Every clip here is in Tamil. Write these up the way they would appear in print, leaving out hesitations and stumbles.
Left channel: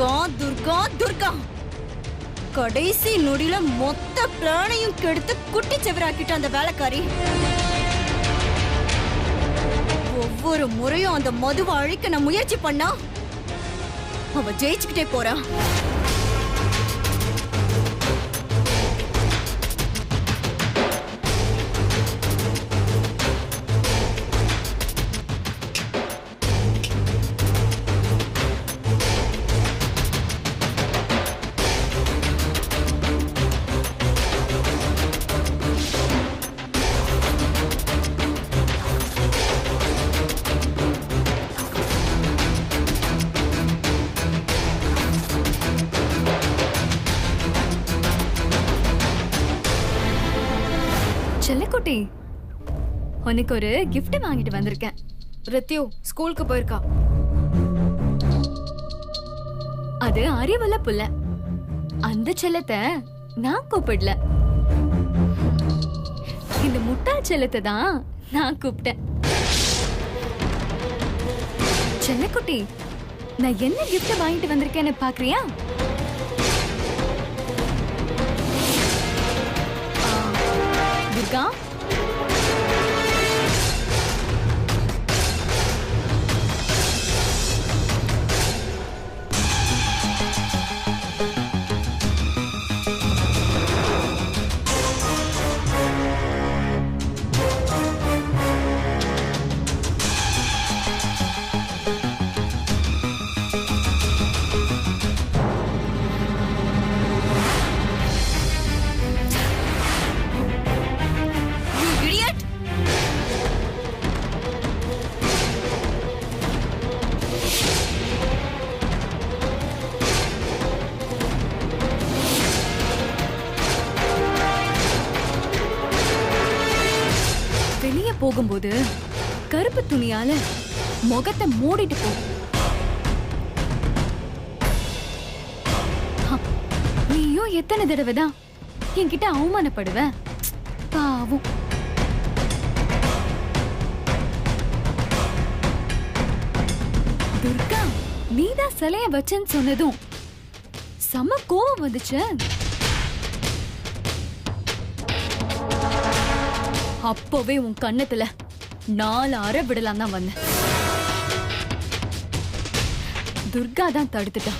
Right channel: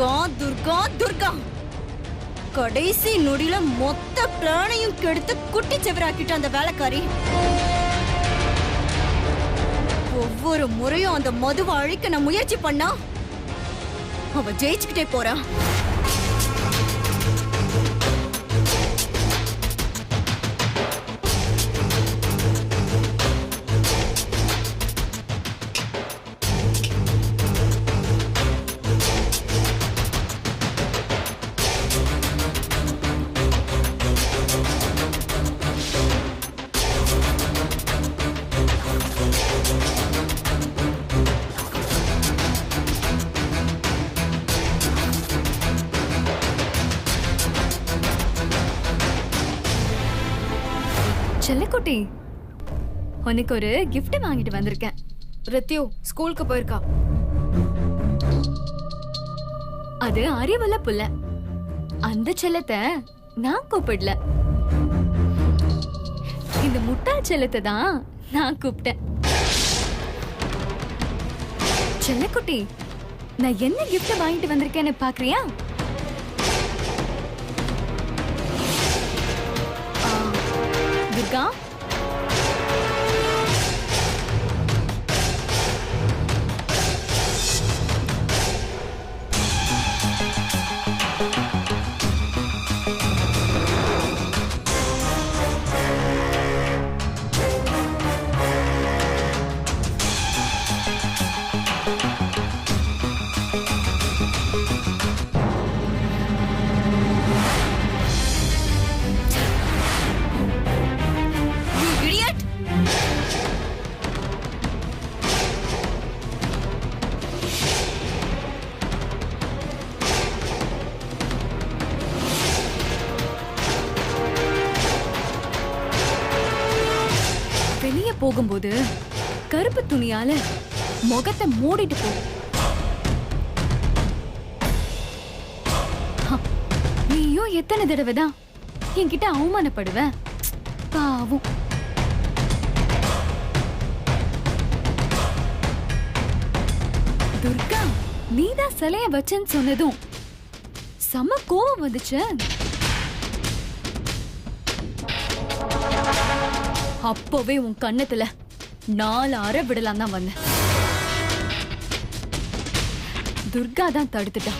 துர்கா துர்கா துர்கா கடைசி நொடியில மொத்த பிளானையும் கெடுத்து குட்டி செவராக்கிட்ட அந்த வேலைக்காரி. ஒவ்வொரு முறையும் அந்த மதுவை அழிக்க நான் முயற்சி பண்ணா அவ ஜெயிச்சுக்கிட்டே போறா. செல்லக்குட்டி, உனக்கு ஒரு gift வாங்கிட்டு வந்திருக்கேன். ரித்யு ஸ்கூலுக்கு போயிருக்கா. அது அறிவுள்ள புள்ள. அந்த செல்லத்தை நான் கூப்பிடல. இந்த முட்டாள் செல்லத்தை தான் நான் கூப்பிட்டேன். செல்லக்குட்டி, நான் என்ன gift வாங்கிட்டு வந்திருக்கேன்னு பாக்குறியா? துர்கா, வெளியே போகும்போது கருப்பு துணியால முகத்தை மூடிட்டு போ. நீயும் எத்தனை தடவை தான் என்கிட்ட அவமானப்படுவ? பாவம். துர்கா, நீதான் சிலைய வச்சேன்னு சொன்னதும் செம கோவம் வந்துச்சு. அப்பவே உன் கண்ணத்துல 4 அறை விடலாம் தான் வந்தேன். துர்கா தான் தடுத்துட்டா.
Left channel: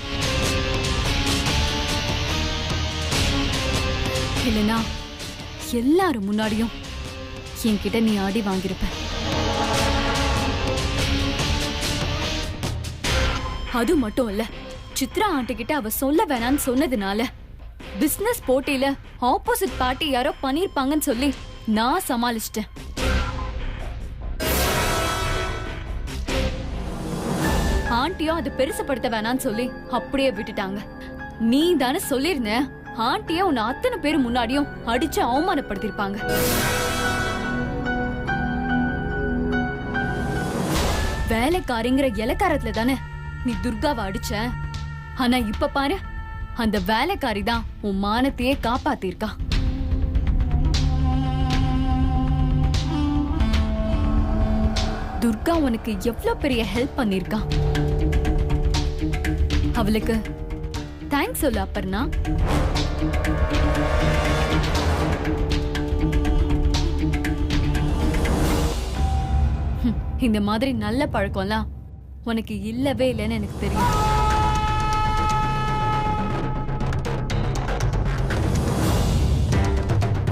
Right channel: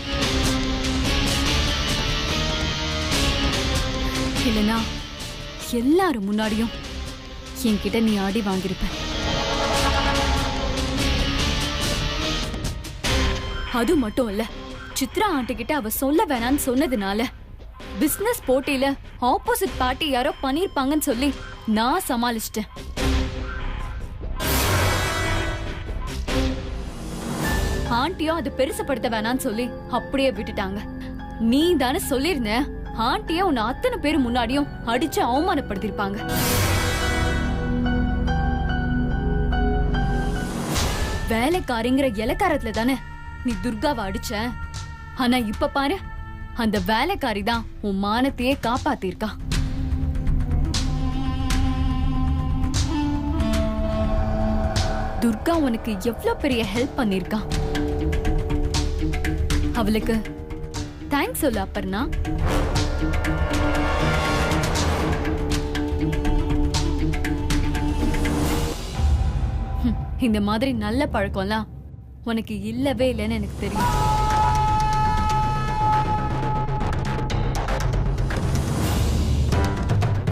இல்லனா எல்லாரும் முன்னாடியும் என்கிட்ட நீ அடி வாங்கியிருப்ப. அது மட்டும் இல்ல, சித்ரா ஆண்டி கிட்ட அவ சொல்ல வேணான்னு சொன்னதுனால பிசினஸ் போட்டியில ஆப்போசிட் பார்ட்டி யாரோ பண்ணிருப்பாங்கன்னு சொல்லி நான் சமாளிச்சிட்டேன். ஆண்டியும் அது பெருசுப்படுத்த வேணான்னு சொல்லி அப்படியே விட்டுட்டாங்க. நீ தானே சொல்லிருந்த ஆண்டிய உன்னை அத்தனை பேர் முன்னாடியும் அடிச்சு அவமானப்படுத்திருப்பாங்க. வேலைக்காரிங்கிற இலக்காரத்துல தானே நீ துர்காவை அடிச்ச. ஆனா இப்ப பாரு, அந்த வேலைக்காரி தான் உன் மானத்தையே காப்பாத்திருக்கா. துர்கா உனக்கு எவ்வளவு பெரிய ஹெல்ப் பண்ணிருக்கா. அவளுக்கு தேங்க்ஸ் சொல்லு அப்பர்ணா. இந்த மாதிரி நல்ல பழக்கம்லாம் உனக்கு இல்லவே இல்லைன்னு எனக்கு தெரியும்.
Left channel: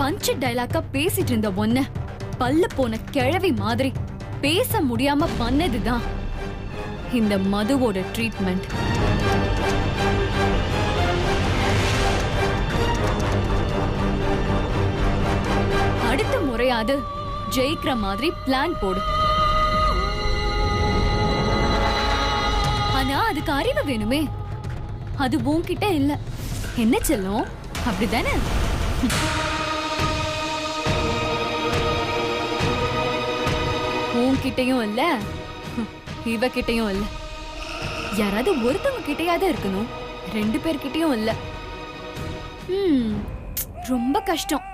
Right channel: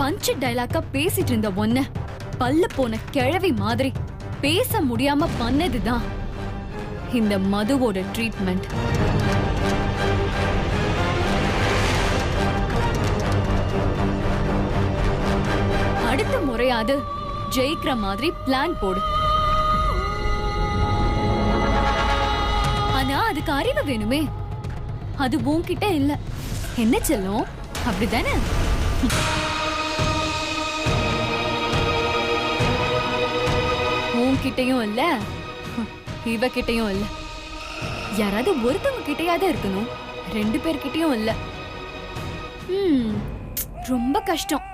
பஞ்சு டைலாக்கா பேசிட்டு இருந்த ஒன்ன பல்ல போன கிழவி மாதிரி பேச முடியாம பண்ணதுதான் இந்த மதுவோட ட்ரீட்மெண்ட். அடுத்த முறையாவது ஜெயிக்கிற மாதிரி பிளான் போடு. ஆனா அதுக்கு அறிவு வேணுமே. அது உன்கிட்ட இல்ல. என்ன செல்லும், அப்படிதானே? உன்கிட்டயும் இல்ல, இவகிட்டயும் இல்ல. யாராவது ஒருத்தவங்க கிட்டையாவது இருக்கணும். 2 பேர்கிட்டயும் இல்ல. ரொம்ப கஷ்டம்.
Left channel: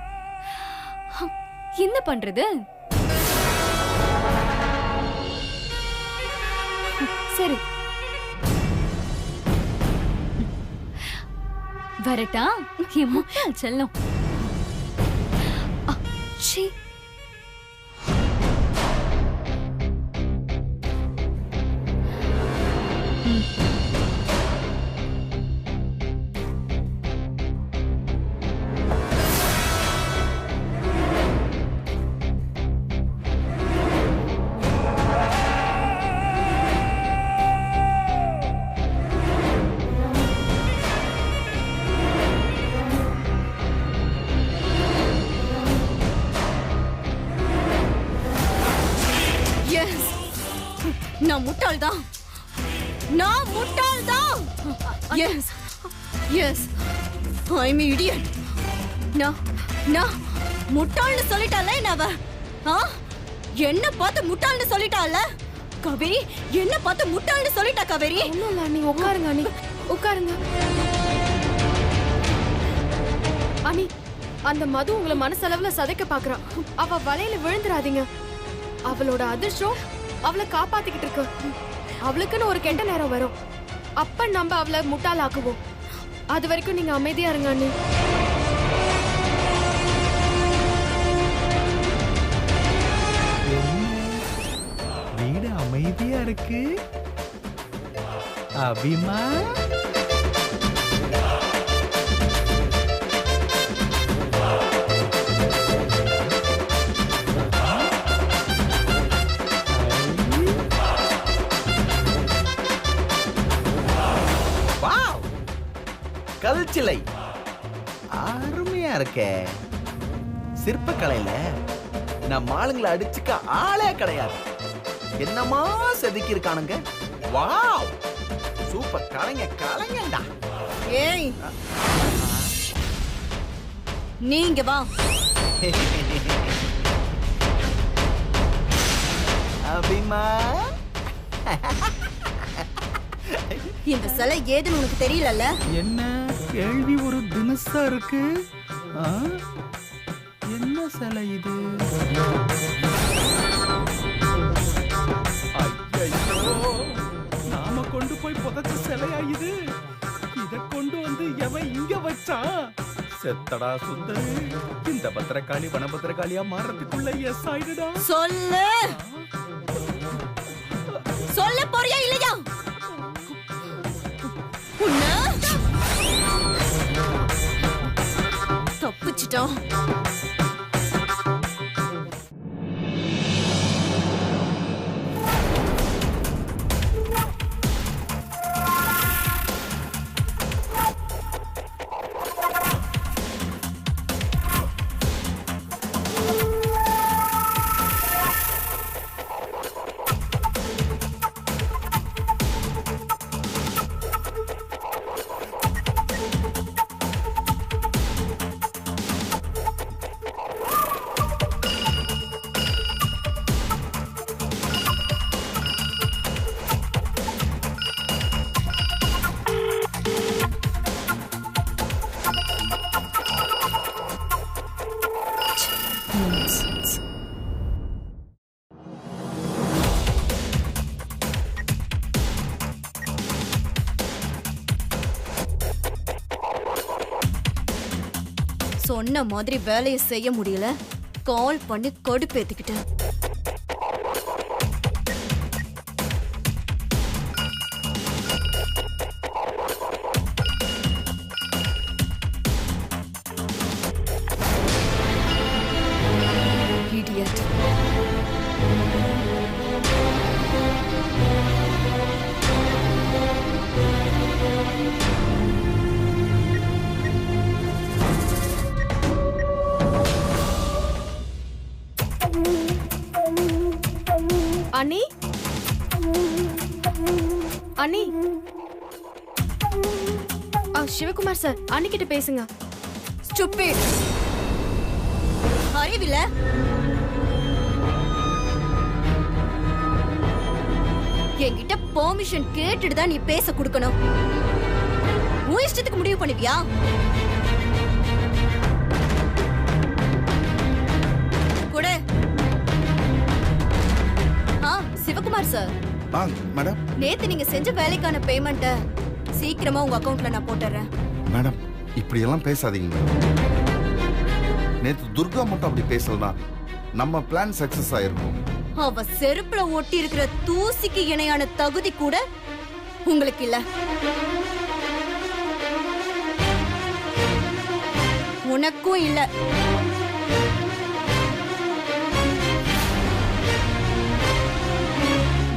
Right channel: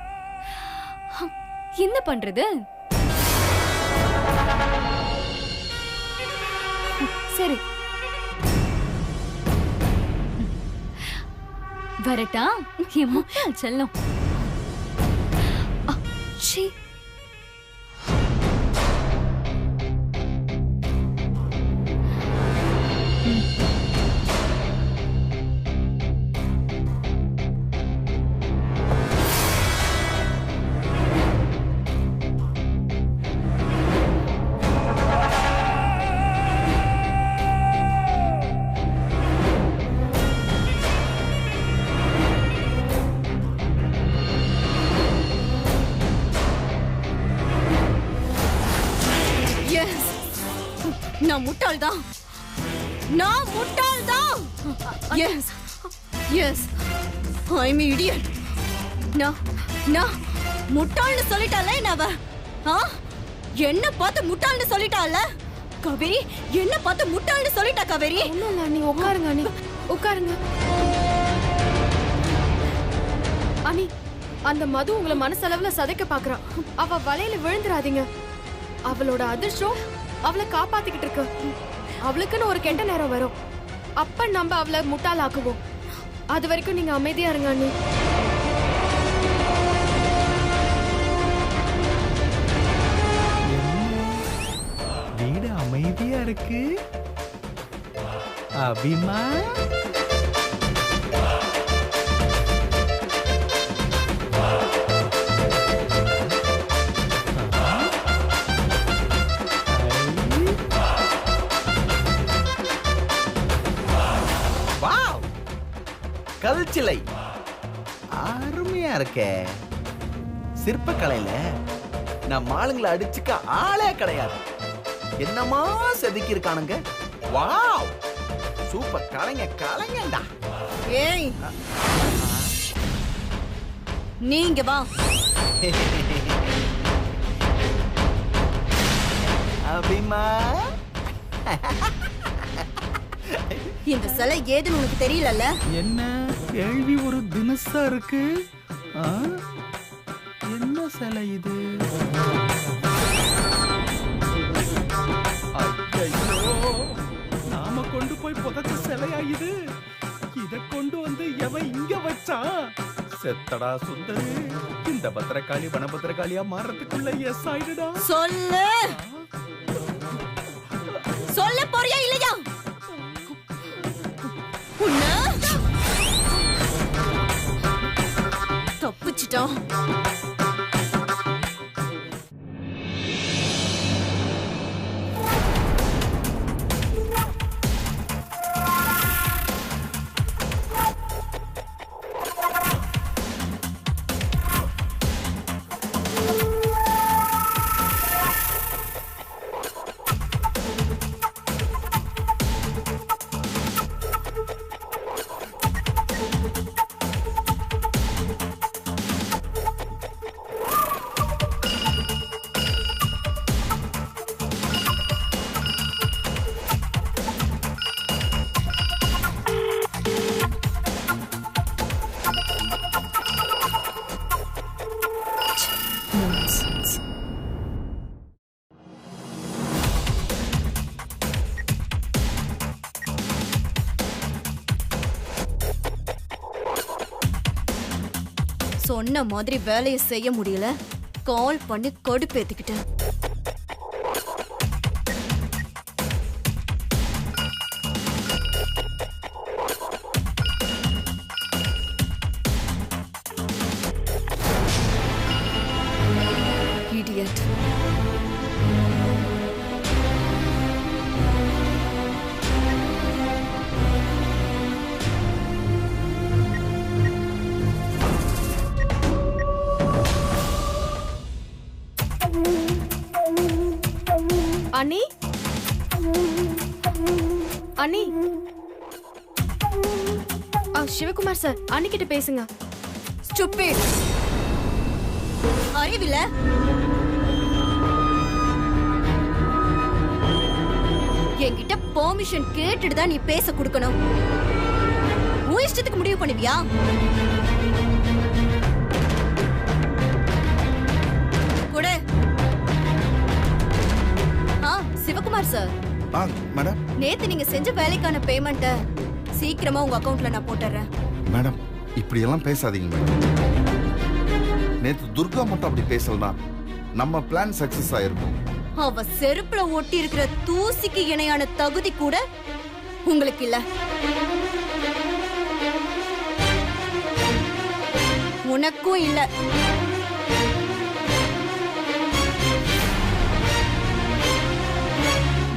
என்ன பண்றது? சரி, வரட்டா என் முட்டாள் செல்லம். சீ. எஸ், நான் முட்டாள்தான். நான் முட்டாள்தான். எஸ் எஸ், ஐ அம் இடியட். நான் முட்டாள்னு சொல்லிட்டால என்னவ? என்ன பார்த்து முட்டாள்னு சொல்லிட்டால காவேரி? என்ன பார்த்து முட்டாள்னு சொல்லிட்டா காவேரி? ஒண்ணும் இல்ல அண்ணி, உட்காருங்க அண்ணி, உட்காருங்க. அண்ணி, அந்த மது உங்களை மனசளவுல சதைக்க பாக்குறா. அவ வலையில விழுந்துராதீங்க. அவளோட அதிர்ஷ்டம் அவளை காப்பாத்திக்கிட்டு இருக்கு. அவளுக்குன்னு ஒரு கெட்ட நேரம் வரும். அப்ப நம்ம அவளை முட்டாளாக்குவோம். அது வரைக்கும் நீங்க அமைதியா இருங்க அண்ணி. வீடு அமைதியா இருக்கு. அபிமா, கல்சிலை அருமையா இருக்கே. சிற்பக்கலையில நம்ம ஆளுங்களை அடிச்சுக்க ஆளே கிடையாது. என்னமா செதுக்கி இருக்கானுங்க. Wow, super. கலைஞண்டா. ஏய், நீங்க வா. அபிமா, இந்த சிலை ஏதுன்னு உனக்கு தெரியலல்ல? என்ன கேள்வி ஒரு தினசா இருக்கு. என்ன சிலை இது? ஐயோ, நாம கொண்டு போய் புதைச்ச சிலையா இது? இத கொண்டு வந்து எவன் இங்க வச்சான்? செத்தடா சுந்தரு. இந்த பத்திரகாளி வனபத்திரகாளியா மாறதுக்குள்ள எஸ் ஆயிடுடா. சொல்லு, சொல்ல போறியா இல்லையா? தப்பிச்சிட்டோம். சொன்ன மாதிரி வேலையை செய்ய முடியல. கால் பண்ணி கடுப்பேத்திக்கிட்டேன். Idiot. அண்ணி, அண்ணி, சிவகுமார் சார், அண்ணி கிட்ட பேசுங்க. Stupid. அறிவில என்கிட்ட பெர்மிஷன் கேட்டுட்டு தான் நீ பேச கொடுக்கணும். உன் இஷ்டத்துக்கு முடிவு பண்ணுவியா? கூட சிவகுமார் சார், மேடம், நேத்து நீங்க செஞ்ச வேலைக்கான பேமெண்ட்ட சீக்கிரமா உங்க அக்கவுண்ட்ல நான் போட்டுறேன். மேடம் இப்படியெல்லாம் பேசாதீங்க மேடம். நேத்து துர்கா மட்டும் அப்படி பேசலனா நம்ம பிளான் சக்சஸ் ஆயிருக்கும். அவ செருப்புல ஒட்டி இருக்கிற தூசிக்கு இணையான தகுதி கூட உங்களுக்கு இல்ல. உனக்கும் இல்ல.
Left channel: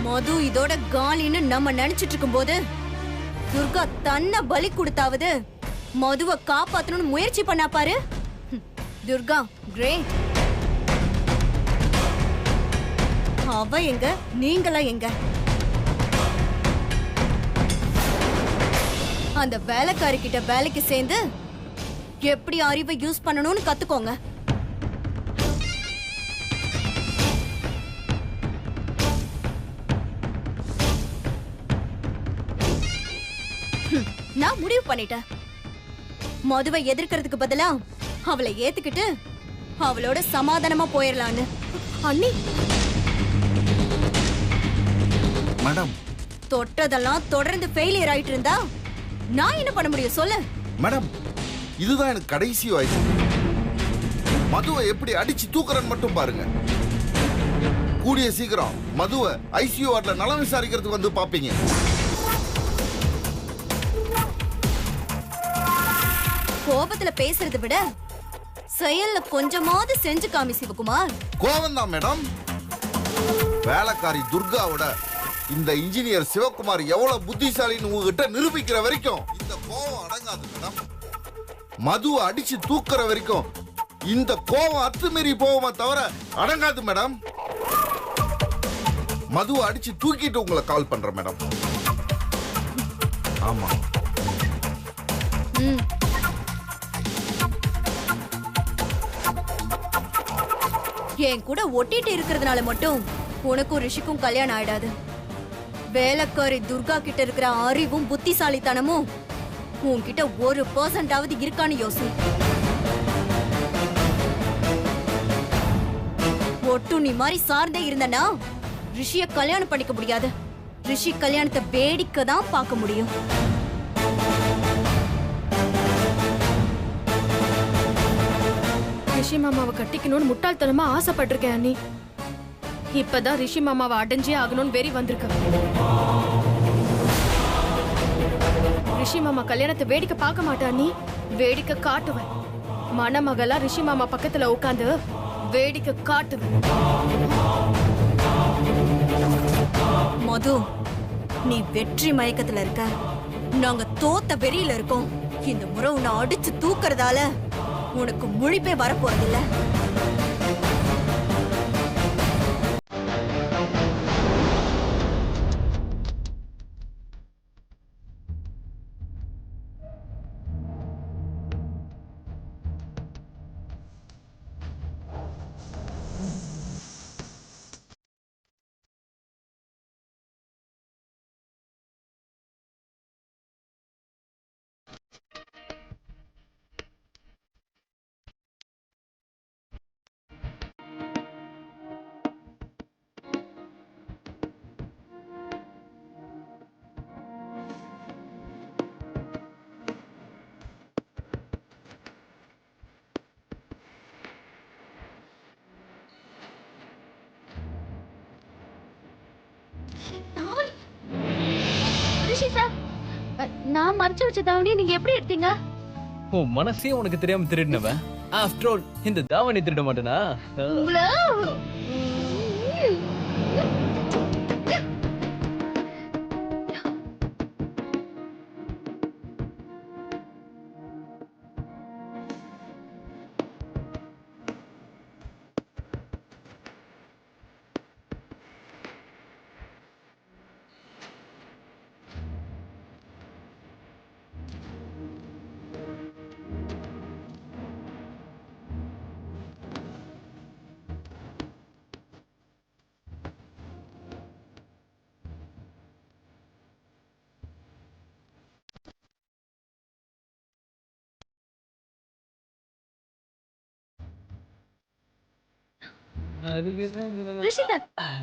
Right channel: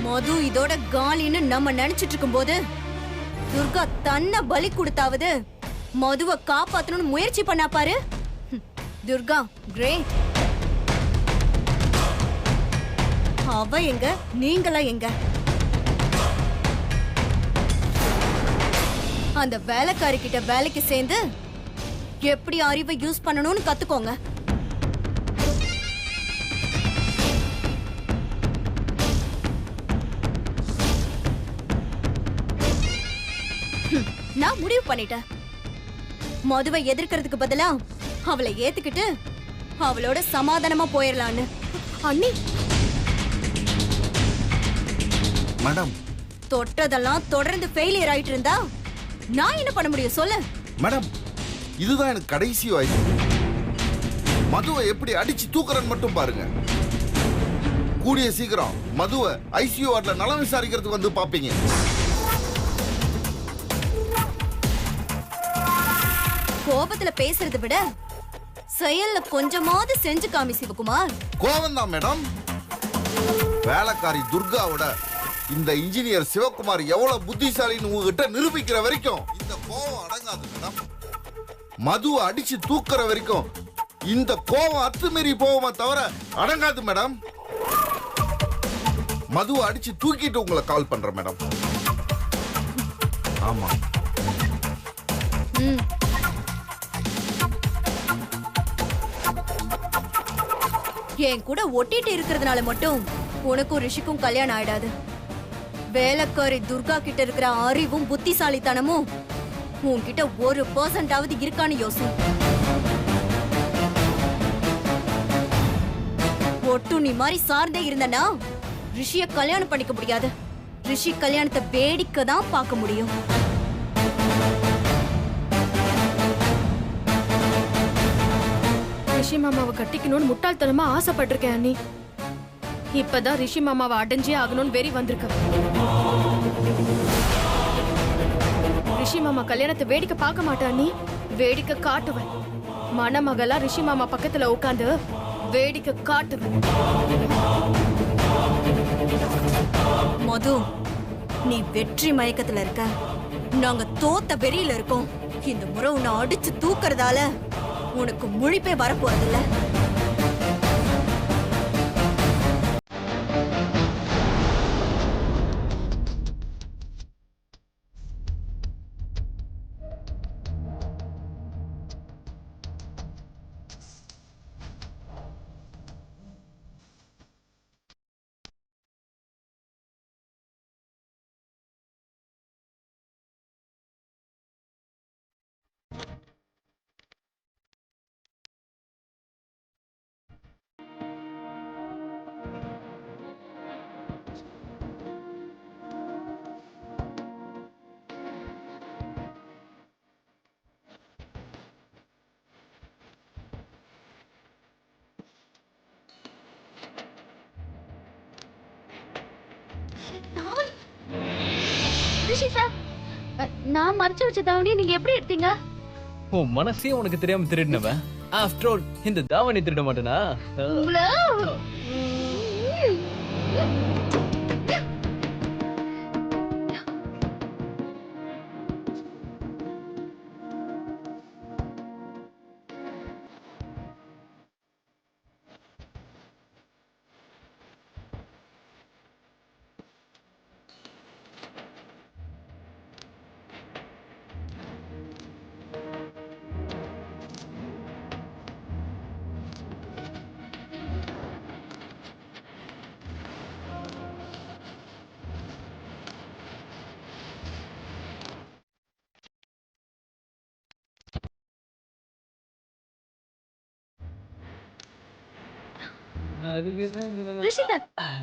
மது இதோட காலின்னு நம்ம நினைச்சிட்டு இருக்கும் போது துர்கா தன்னை பலி கொடுத்தாவது மதுவை காப்பாத்தணும்னு முயற்சி பண்ணா பாரு. துர்கா கிரேட். அவ எங்க, நீங்களா எங்க? அந்த வேலைக்காரி கிட்ட வேலைக்கு சேர்ந்து எப்படி அறிவை யூஸ் பண்ணணும்னு கத்துக்கோங்க. நான் முடிவு பண்ணிட்டேன். மதுவை எதிர்க்கிறதுக்கு பதிலா அவளை ஏத்துக்கிட்டு அவளோட சமாதானமா போயிடலான்னு. அண்ணி மேடம் தொட்டதெல்லாம் தொடர்ந்து ஃபெயிலியர் ஆயிட்டு இருந்தா நான் என்ன பண்ண முடியும் சொல்லு? மேடம் இதுதான் எனக்கு கடைசி வாய்ப்பு. மதுவை எப்படி அடிச்சு தூக்குறன்னு மட்டும் பாருங்க. கூடிய சீக்கிரம் மதுவை ஐசியூ வார்டுல நலம் விசாரிக்கிறதுக்கு வந்து பாப்பீங்க. கோபத்துல பேசுறதை விட செயல்ல கொஞ்சமாவது செஞ்சு காமி சிவகுமார். கோவம் தான் மேடம். வேலைக்காரி துர்காவோட இந்த இன்ஜினியர் சிவகுமார் எவ்வளவு புத்திசாலின்னு உங்ககிட்ட நிரூபிக்கிற வரைக்கும் இந்த கோவம் அடங்காது மேடம். மதுவை அடிச்சு தூக்குற வரைக்கும் இந்த கோவம் அத்துமீறி போவோமா தவிர அடங்காது மேடம். மதுவை அடிச்சு தூக்கிட்டு உங்களை கால் பண்றேன் மேடம். ஆமா. என் கூட ஒட்டிட்டு இருக்கிறதுனால மட்டும் உனக்கும் ரிஷிக்கும் கல்யாணம் ஆயிடாது. வேலைக்காரி துர்கா கிட்ட இருக்கிற அறிவும் புத்திசாலித்தனமும் உன்கிட்ட 1% இருக்கான்னு யோசி. ஒட்டு நீ மாதிரி சார்ந்தே இருந்தனா ரிஷிய கல்யாணம் பண்ணிக்க முடியாது. ரிஷி கல்யாணத்தை வேடிக்கை தான் பார்க்க முடியும். ரிஷி மாமாவை கட்டிக்கணும்னு முட்டாள்தனமா ஆசைப்பட்டிருக்கேன் அண்ணி. இப்பதான் ரிஷி மாமாவை அடைஞ்சே ஆகணும்னு வெறி வந்திருக்க. ரிஷி மாமா கல்யாணத்தை வேடிக்கை பார்க்க மாட்டேன் அண்ணி, வேடிக்கை காட்டுவேன். மணமகளா ரிஷி மாமா பக்கத்துல உட்காந்து வேடிக்கை காட்டுவேன். மது, நீ வெற்றி மயக்கத்துல இருக்க, நாங்க தோத்த வெறியில இருக்கோம். இந்த முறை உன்னை அடிச்சு தூக்குறதால உனக்கு முழிப்பே வரப்போறதில்ல. நான் மறைச்சு வச்ச தாவணி நீங்க எப்படி எடுத்தீங்க? உன் மனசே உனக்கு தெரியாம திருடினவன். ஆஃப்டர் ஆல் இந்த தாவணி திருட மாட்டேனா?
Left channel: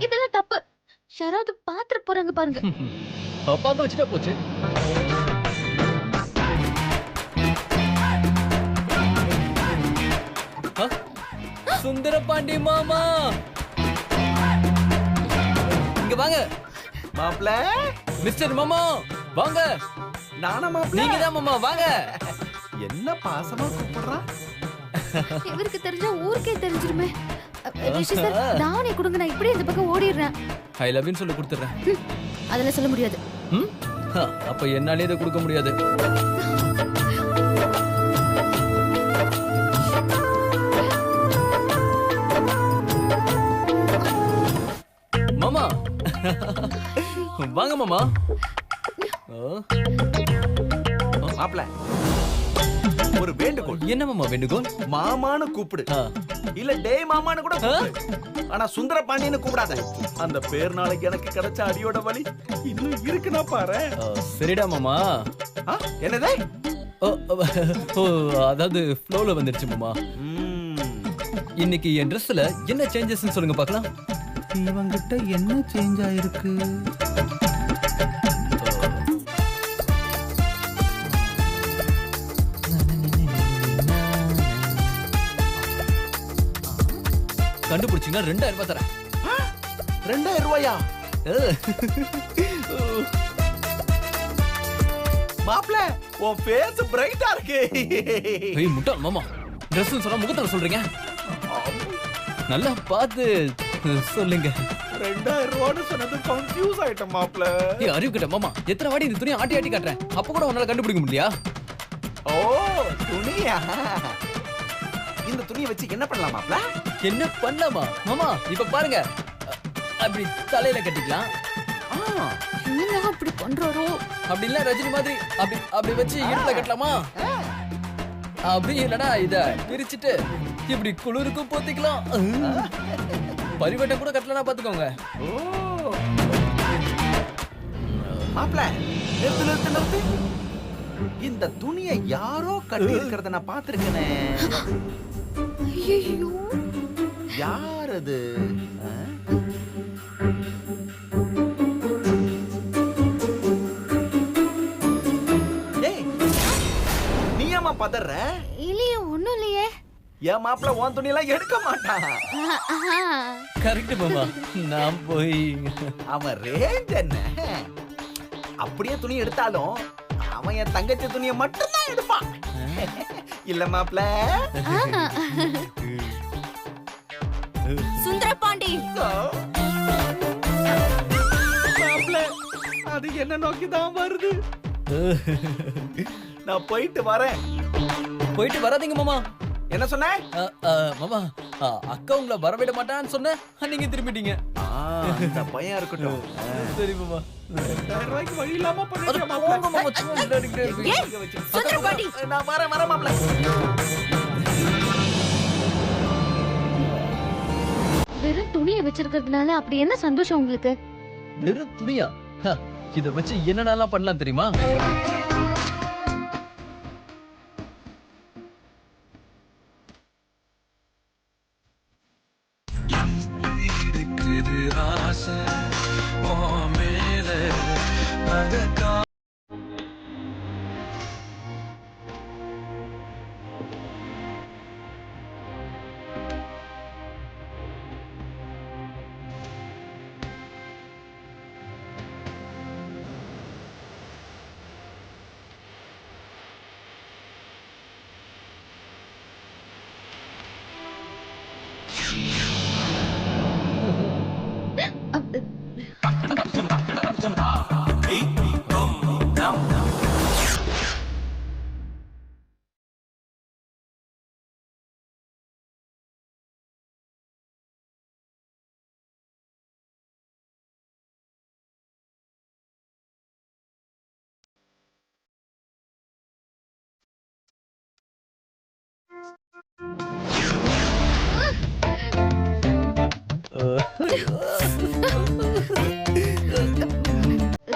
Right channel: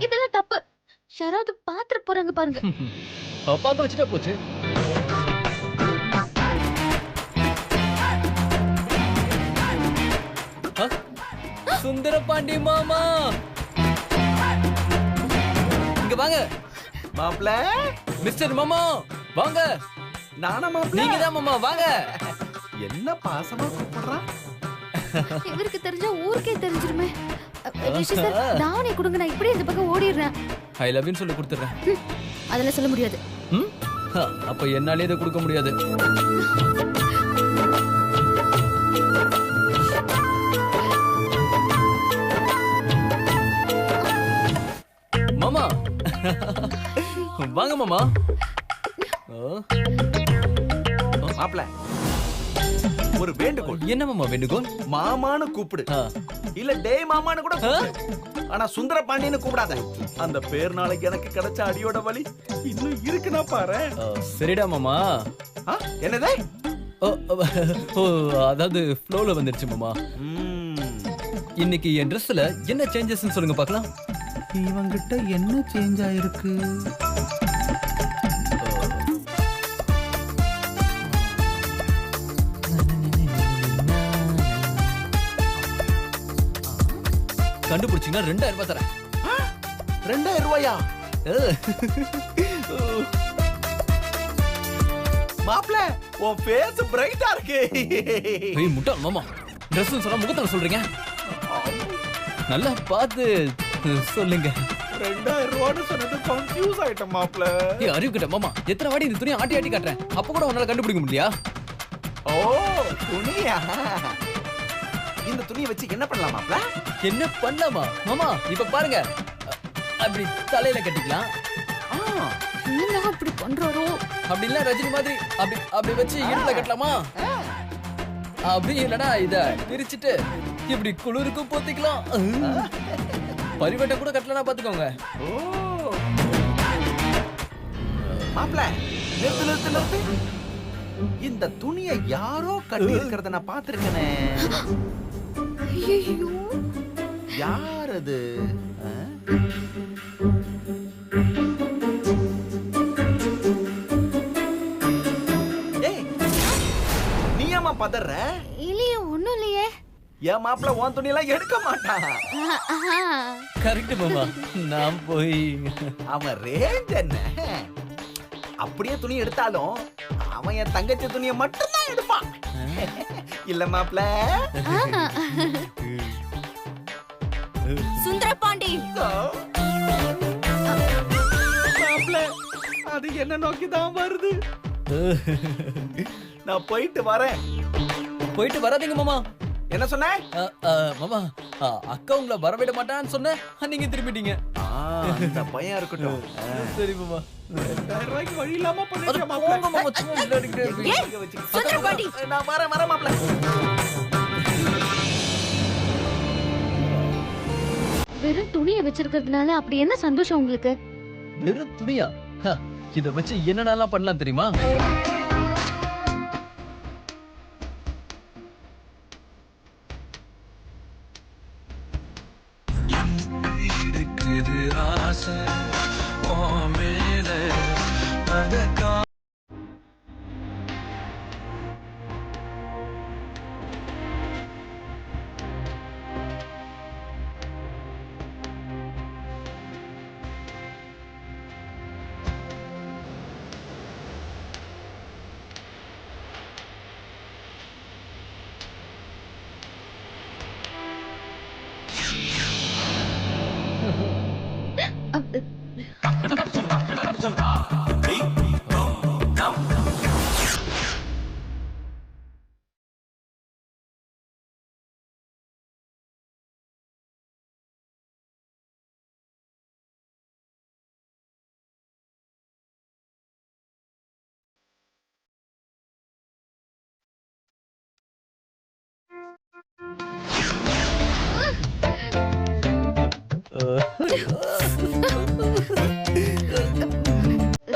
இதெல்லாம் தப்பு. யாராவது பாத்துட்டு போறாங்க பாருங்க. பாக்க வச்சுட்டா போச்சு. சுந்தர பாண்டி மாமா இங்க வாங்க. மாப்ள மிஸ்டர் மாமா வாங்க. நானா மாப்ள? நீங்க தான் மாமா வாங்க. என்ன பாசமா கூப்பிடுறான்? இவருக்கு தெரிஞ்சா ஊருக்கே தெரிஞ்சிருமே. ரிஷி சார் தாவணி கொடுங்க, நான் இப்படியே இந்த பக்கம் ஓடிடுறேன். ஐ லவ் யூ சொல்லி கொடுத்துறேன். அதெல்லாம் சொல்ல முடியாது. அப்ப என்னாலே இதை கொடுக்க முடியாது. மாமா வாங்க மாமா. மாப்ள ஒரு வேண்டுகோள். என்ன மாமா வேண்டுகோள்? மாமான்னு கூப்பிடு, இல்ல டேய் மாமான்னு கூட கூப்பிடு. ஆனா சுந்தர பாண்டியன்னு கூப்பிடாத. அந்த பேர் நாளைக்கு எனக்கு கிடைச்ச அடியோட வலி இன்னும் இருக்குன்னா பாரு. சரிடா மாமா. என்னதே? அதாவது ஃப்ளோல வந்துருச்சு மாமா. இன்னைக்கு என் ட்ரெஸ்ல என்ன சேஞ்சஸ் சொல்லுங்க பார்க்கலாம். இவங்கிட்ட என்ன சேஞ்ச் ஆயிருக்கு? கண்டுபிடிச்சீங்கன்னா 2000 ரூபாய் தரேன். 2000 ரூபாயா? மாப்ள உன் ஃபேஸ் பிரைட்டா இருக்கு. ஏய் முட்டாள் மாமா, Dress சொன்னா முகத்துல சொல்றீங்க. நல்லா பார்த்து சொல்லுங்க. 2000 ரூபான்னு சொன்னது கன்ஃபியூஸ் ஆயிட்ட மாப்ள. ஏய் அறிவு கிட்ட மாமா, எத்தனை வாடி இந்த துணியை ஆட்டி ஆட்டி காட்டுறேன், அப்ப கூட உன்னால கண்டுபிடிக்க முடியலையா? ஓ துணியா? இந்த துணியை வச்சு என்ன பண்ணலாம் மாப்ள? என்ன பண்ணலாமா மாமா? இப்ப பாருங்க, அப்படி தலையில கட்டிக்கலாம். என்ன அப்படி பண்றாரோ? அப்படி இல்ல ரஜினி மாதிரி அப்படி அப்படி வச்சு இடுப்புல கட்டலாமா? அப்படி இல்லனா இத பிரிச்சிட்டு இப்படி குளிருக்கு போத்திக்கலாம். பரிவட்டம் கூட கட்டலனா பாத்துக்கோங்க. ஓ மாப்ள நிறுத்து. இந்த துணியை யாரோ கட்டி இருக்கிறத நான் பாத்திருக்கேனே. ஐயோ யார் அது? ஏய் நீயாமா பதற? இல்லையே, ஒண்ணும் இல்லையே. என் மாப்பிள்ள உன் துணியெல்லாம் எடுக்க மாட்டான். கரெக்ட் மாமா. நான் போய் அவன் ரேஞ்ச் என்ன? அப்படியே துணி எடுத்தாலும் அவன் என் தங்கச்சி துணியை மட்டும்தான் எடுப்பான். இல்ல மாப்பிள்ள? சுந்தர பாண்டி மாப்பிள்ள அது என்ன நோக்கி தான் வருது. நான் போயிட்டு வரேன். போயிட்டு வராதீங்க மாமா. என்ன சொன்ன? மாமா அக்கா உங்களை வரவிட மாட்டான்னு சொன்ன, நீங்க திரும்பிட்டீங்க. இந்த பையன் இருக்கட்டும். சரி மாமா. 2000 ரூபாய்க்கு வழி இல்லாம பண்ணிட்டேன் போங்க மாப்பிள்ள. மாமா, சும்மா விளையாடிக்கிட்டே இருப்பீங்க. சுந்தர பாண்டி நான் வரேன் மாப்பிள்ள. வெறும் துணியை வச்சிருக்கிறதுனால அப்படி என்ன சந்தோஷம் உங்களுக்கு? வெறும் துணியா? இத வச்சு என்னென்னலாம் பண்ணலாம் தெரியுமா?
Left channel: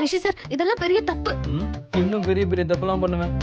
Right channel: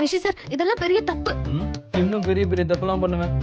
ரிஷி சார், இதெல்லாம் பெரிய தப்பு. இன்னும் பெரிய பெரிய தப்பெல்லாம் பண்ணுவேன்.